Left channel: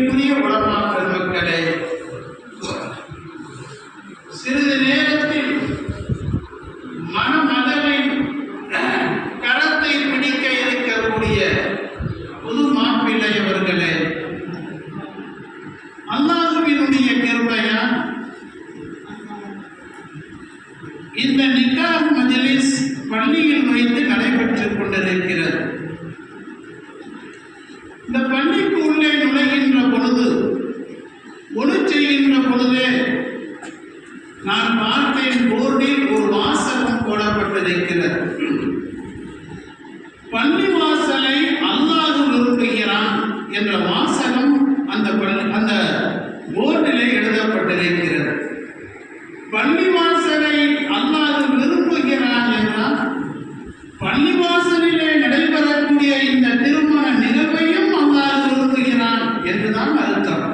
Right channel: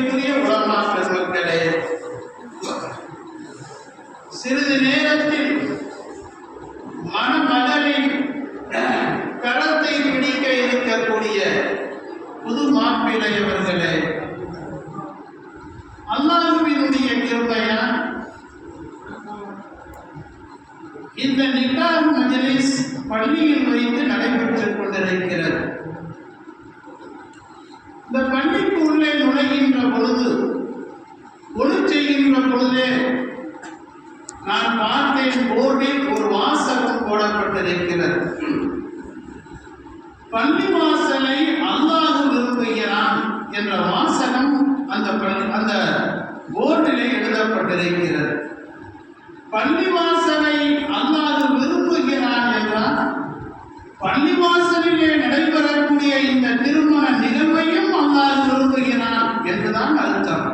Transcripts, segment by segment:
அன்பிற்குரிய உலமா பெருமக்களே சிறிது நேரத்தில் மனமதலின் கரத்தை பிடிக்க இருக்கக்கூடிய புது மாப்பிள்ளை அவர்களே அல்லாஹுவினுடைய கிருமையா இந்த நிக்கா மஜலிஸ் பள்ளியில் வைத்து நடைபெற்றுக் கொண்டிருக்கிறது. இந்த பள்ளிக்கு உள்ளே நுழைகின்ற விதிக்கப்பட்டிருக்கிறது பள்ளி வாசலை அல்லாஹ் விரும்புகிறான் என்ற வாசகம் அந்த பள்ளி அந்த போர்டிலே எழுதப்பட்டிருக்கிறது. பள்ளி வாசலை அல்லாஹ் விரும்புகிறான் என்றால் பள்ளி வாசலிலே நடைபெறக்கூடிய இந்த திருமண நிகழ்வையும் அல்லாஹ் விரும்புகிறான் என்றுதான் அர்த்தம்.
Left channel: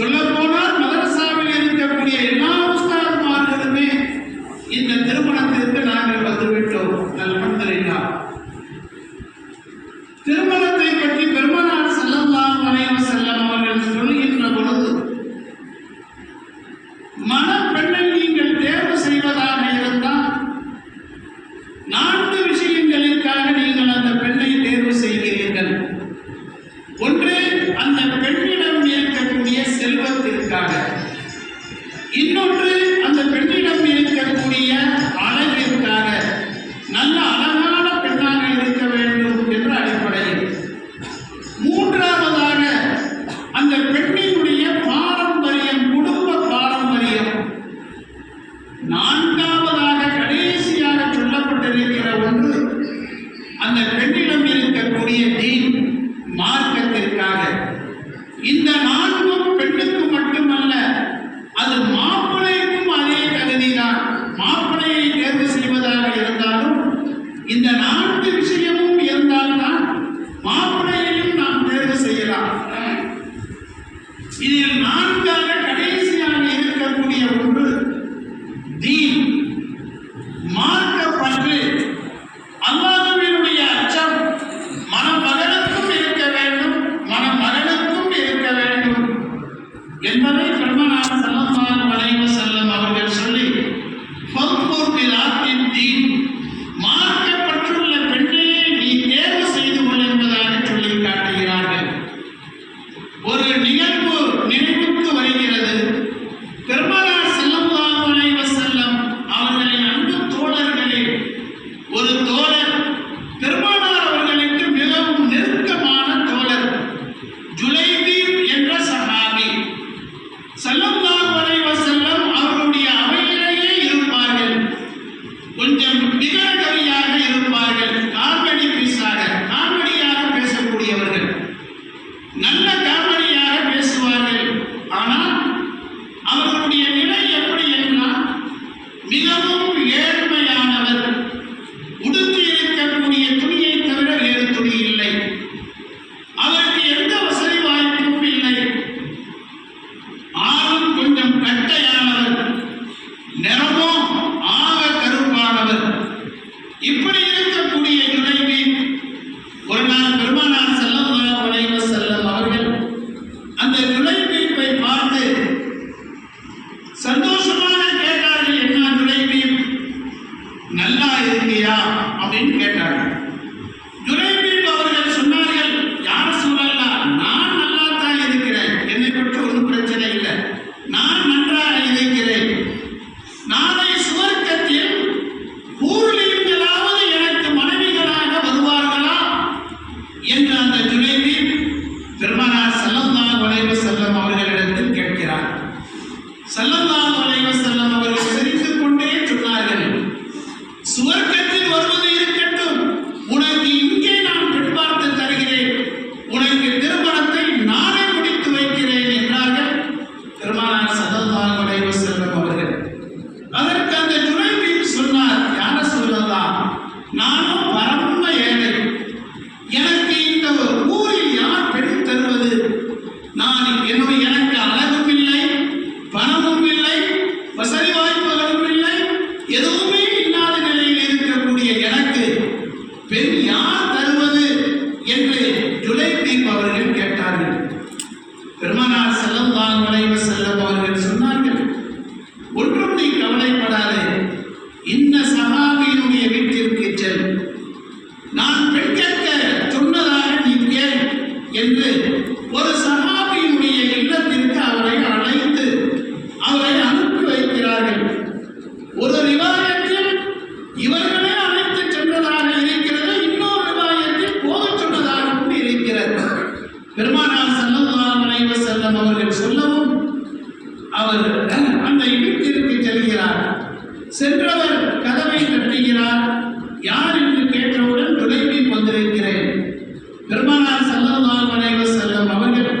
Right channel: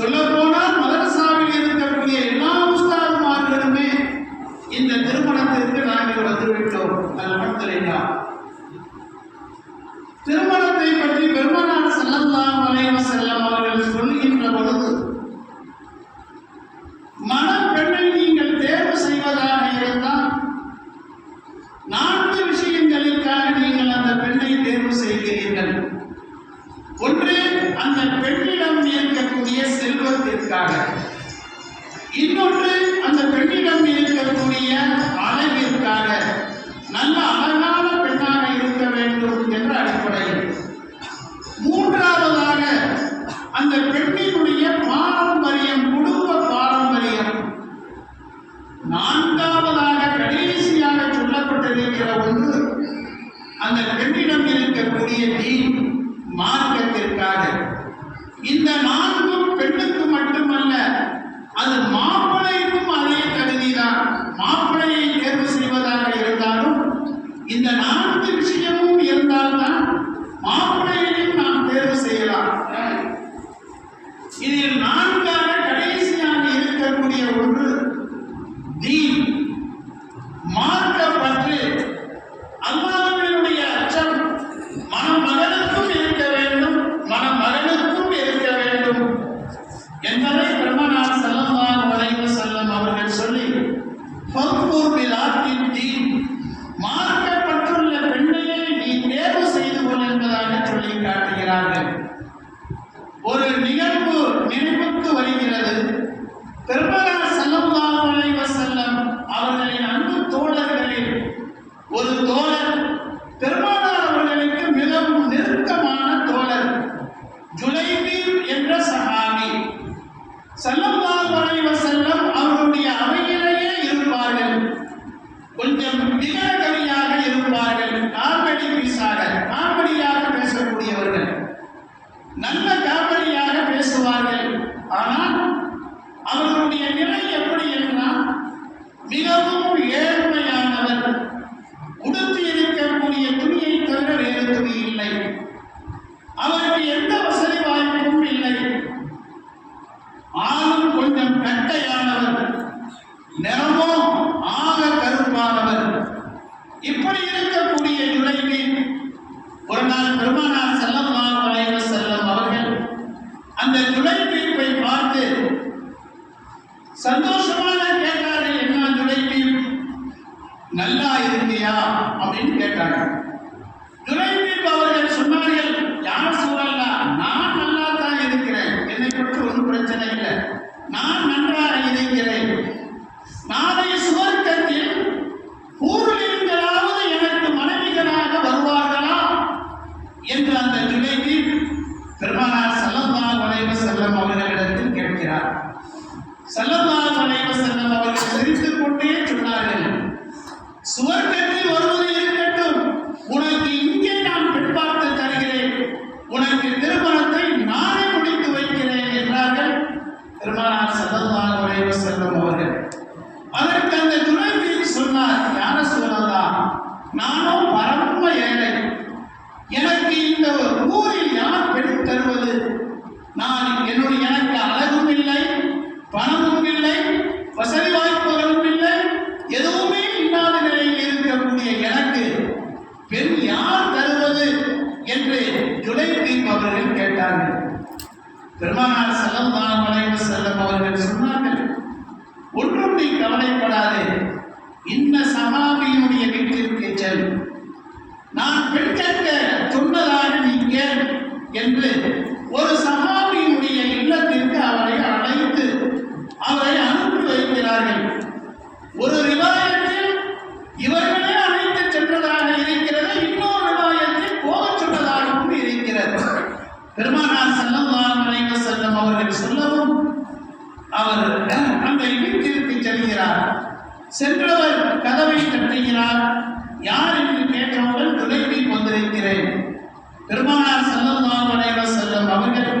Son las நான்காவதாக கடைசியாக சொல்லப்பட்டிருக்கிற ஒன்று அந்த பெண்ணிடம் இருக்கக்கூடிய தீன் மார்க்கத்திற்காக. இந்த நான்கும் பெண்ணுக்கு மட்டுமல்ல அது மாப்பிள்ளைக்கும் அதே கருதிதான் மாப்பிள்ளையை தேர்வு செய்வதாக இருந்தாலும் இந்த நான்கு விஷயமும் இருந்தால்தான் மாப்பிள்ளையையும் நாம் தேர்வு செய்யலாம். இதில் நான்காக கடைசியாக இருக்கக்கூடிய ஒன்று de நல்லா இருக்கியா அப்படின்னு கேட்டாங்க. பெருமானார் செல்லவார் நினைவு செல்லும் அவர்கள் சொல்லவும் அவர் அந்த வீட்டிற்கு செல்கிறார். சென்றவர் கதவை தட்டுகிறார். யார் என்று கேட்டவுடன் விளைவில் வந்திருக்கிறேன். பெருமானார் செல்லவார் நினைவு செல்லும் அவர்கள்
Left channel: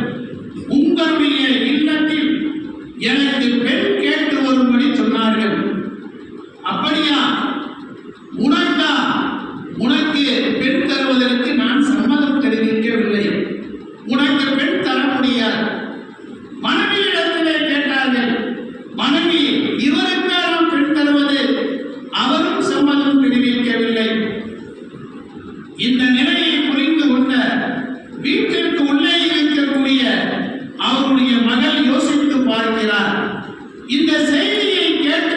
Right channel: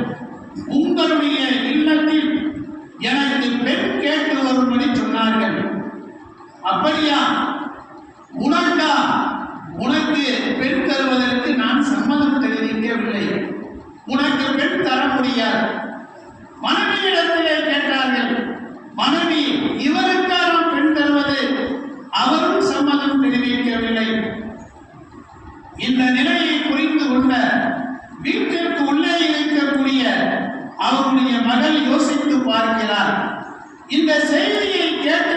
அவருடைய மகள் யோசித்து பார்க்கிறார். இந்த செய்தியை கேட்டு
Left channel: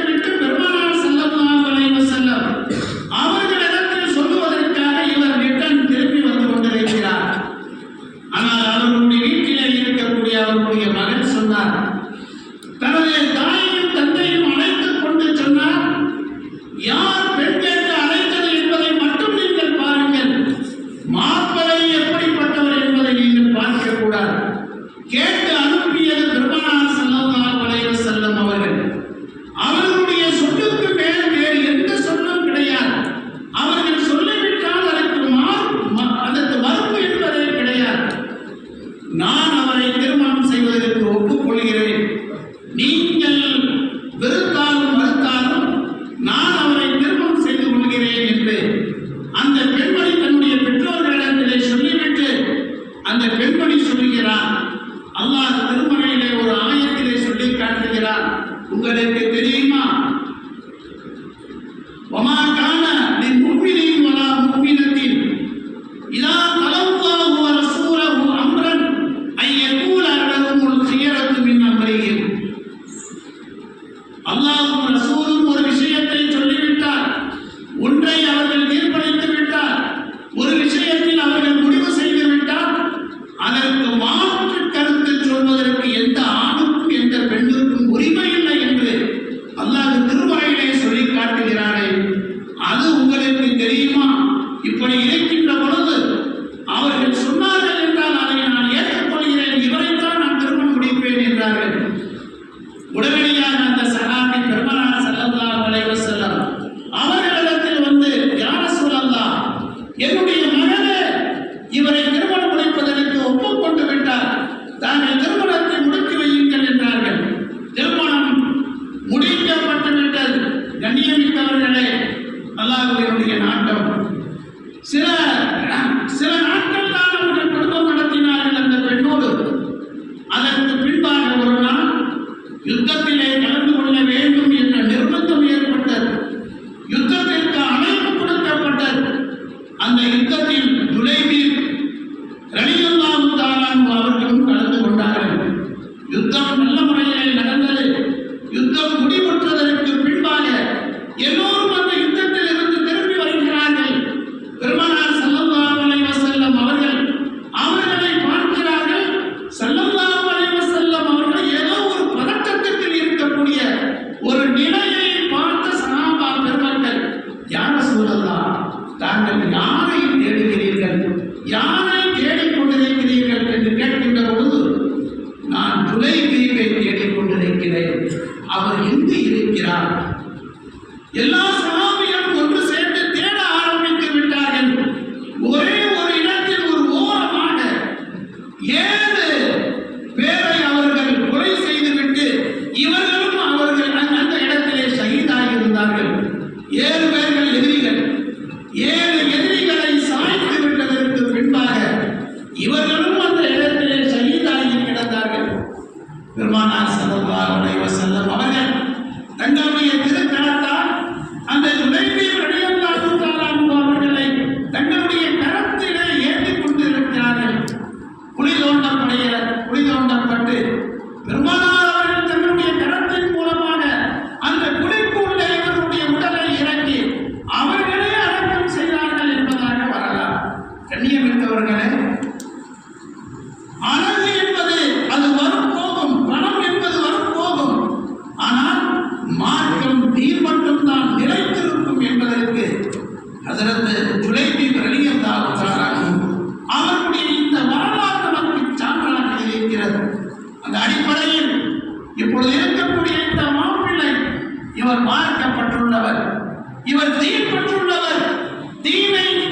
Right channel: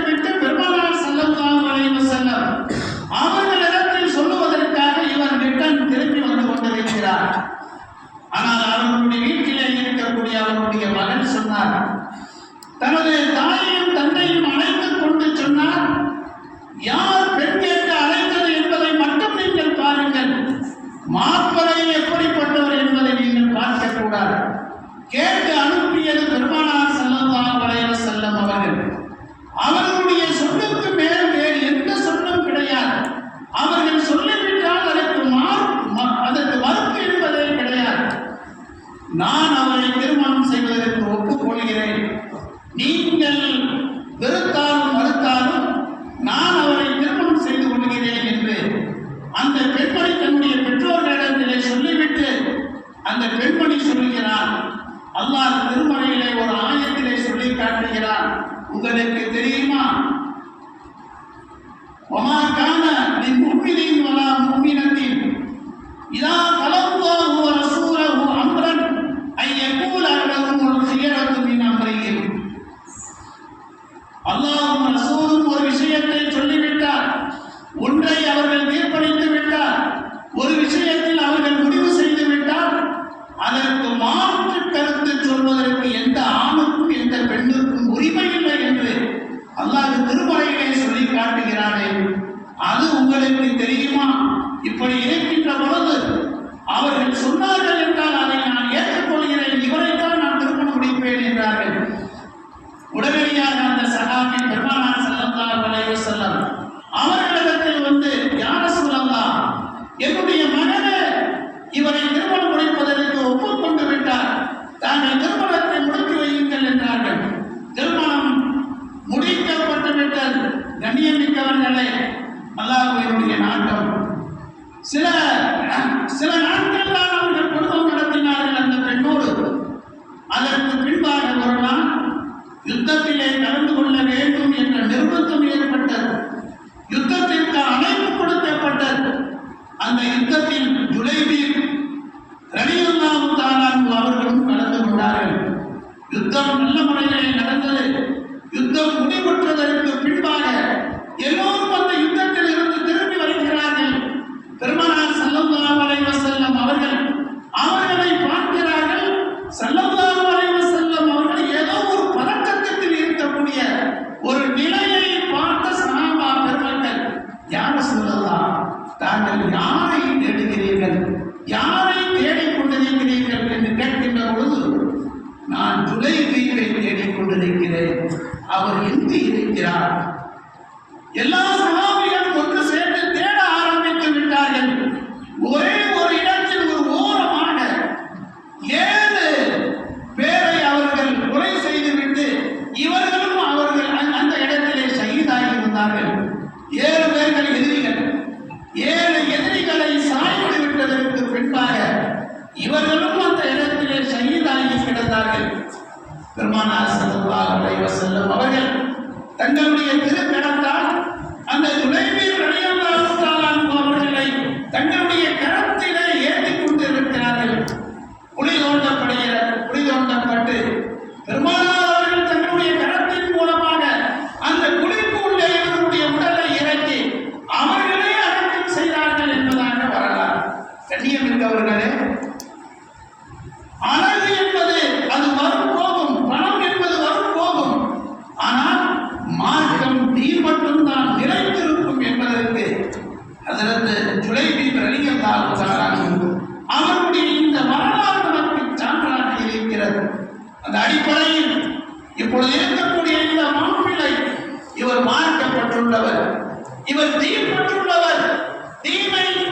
இதா தலவுவாகு ரசூலகு அம்ரன் ஐ யகூல் அன்னகும் ஒரு சியரத்து மின் அம்ரையில் அல்லாஹும் ரசூலும் ஒரு விஷயத்தை சொல்லிவிட்டார் ஒன்றை அவர்கள் தீர்ப்பளித்து விட்டார் ஒரு விஷயத்தில் அவர்கள் முடிவு செய்து விட்டார். அதற்கு மாற்று கருத்து சொல்வதற்கு எந்த ஆணுக்கும் எந்த பெண்ணுக்கும் உரிமை இல்லை என்று அல்லாஹ் திருமறையிலே சொல்லி காட்டுகிறானே. அது உங்களுக்கு தெரியுமா? இப்படி இருக்கின்ற பொழுது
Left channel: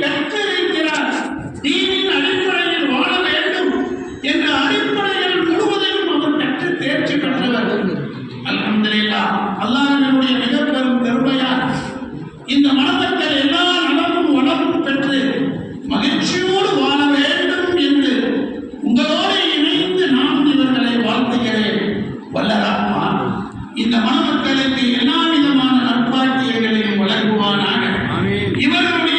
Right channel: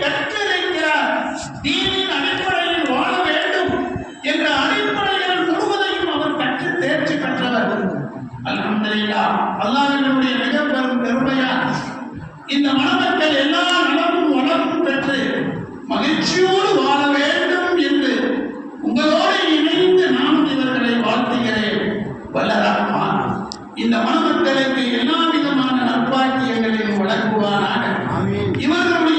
கற்றல் இருக்கிறார் தீனின் அடிப்படையில் வாழ வேண்டும் என்ற அடிப்படைகள் முழுவதையும் அவர் கற்று தேர்ச்சி பெற்றவர். அல்ஹம்துலில்லா அல்லாஹினுடைய மிக பெரும் பெருமையால் இந்த மனதக்கள் எல்லா நலமும் வளமும் பெற்று மகிழ்ச்சியோடு வாழ வேண்டும் என்று உங்களோடு இணைந்து நான் இவர்களை வாழ்த்துகிறேன். வல்லராமான் இந்த மனமக்களுக்கு எல்லா விதமான நற்பாக்கியங்களையும் வழங்குவானாக. இவர்களுடைய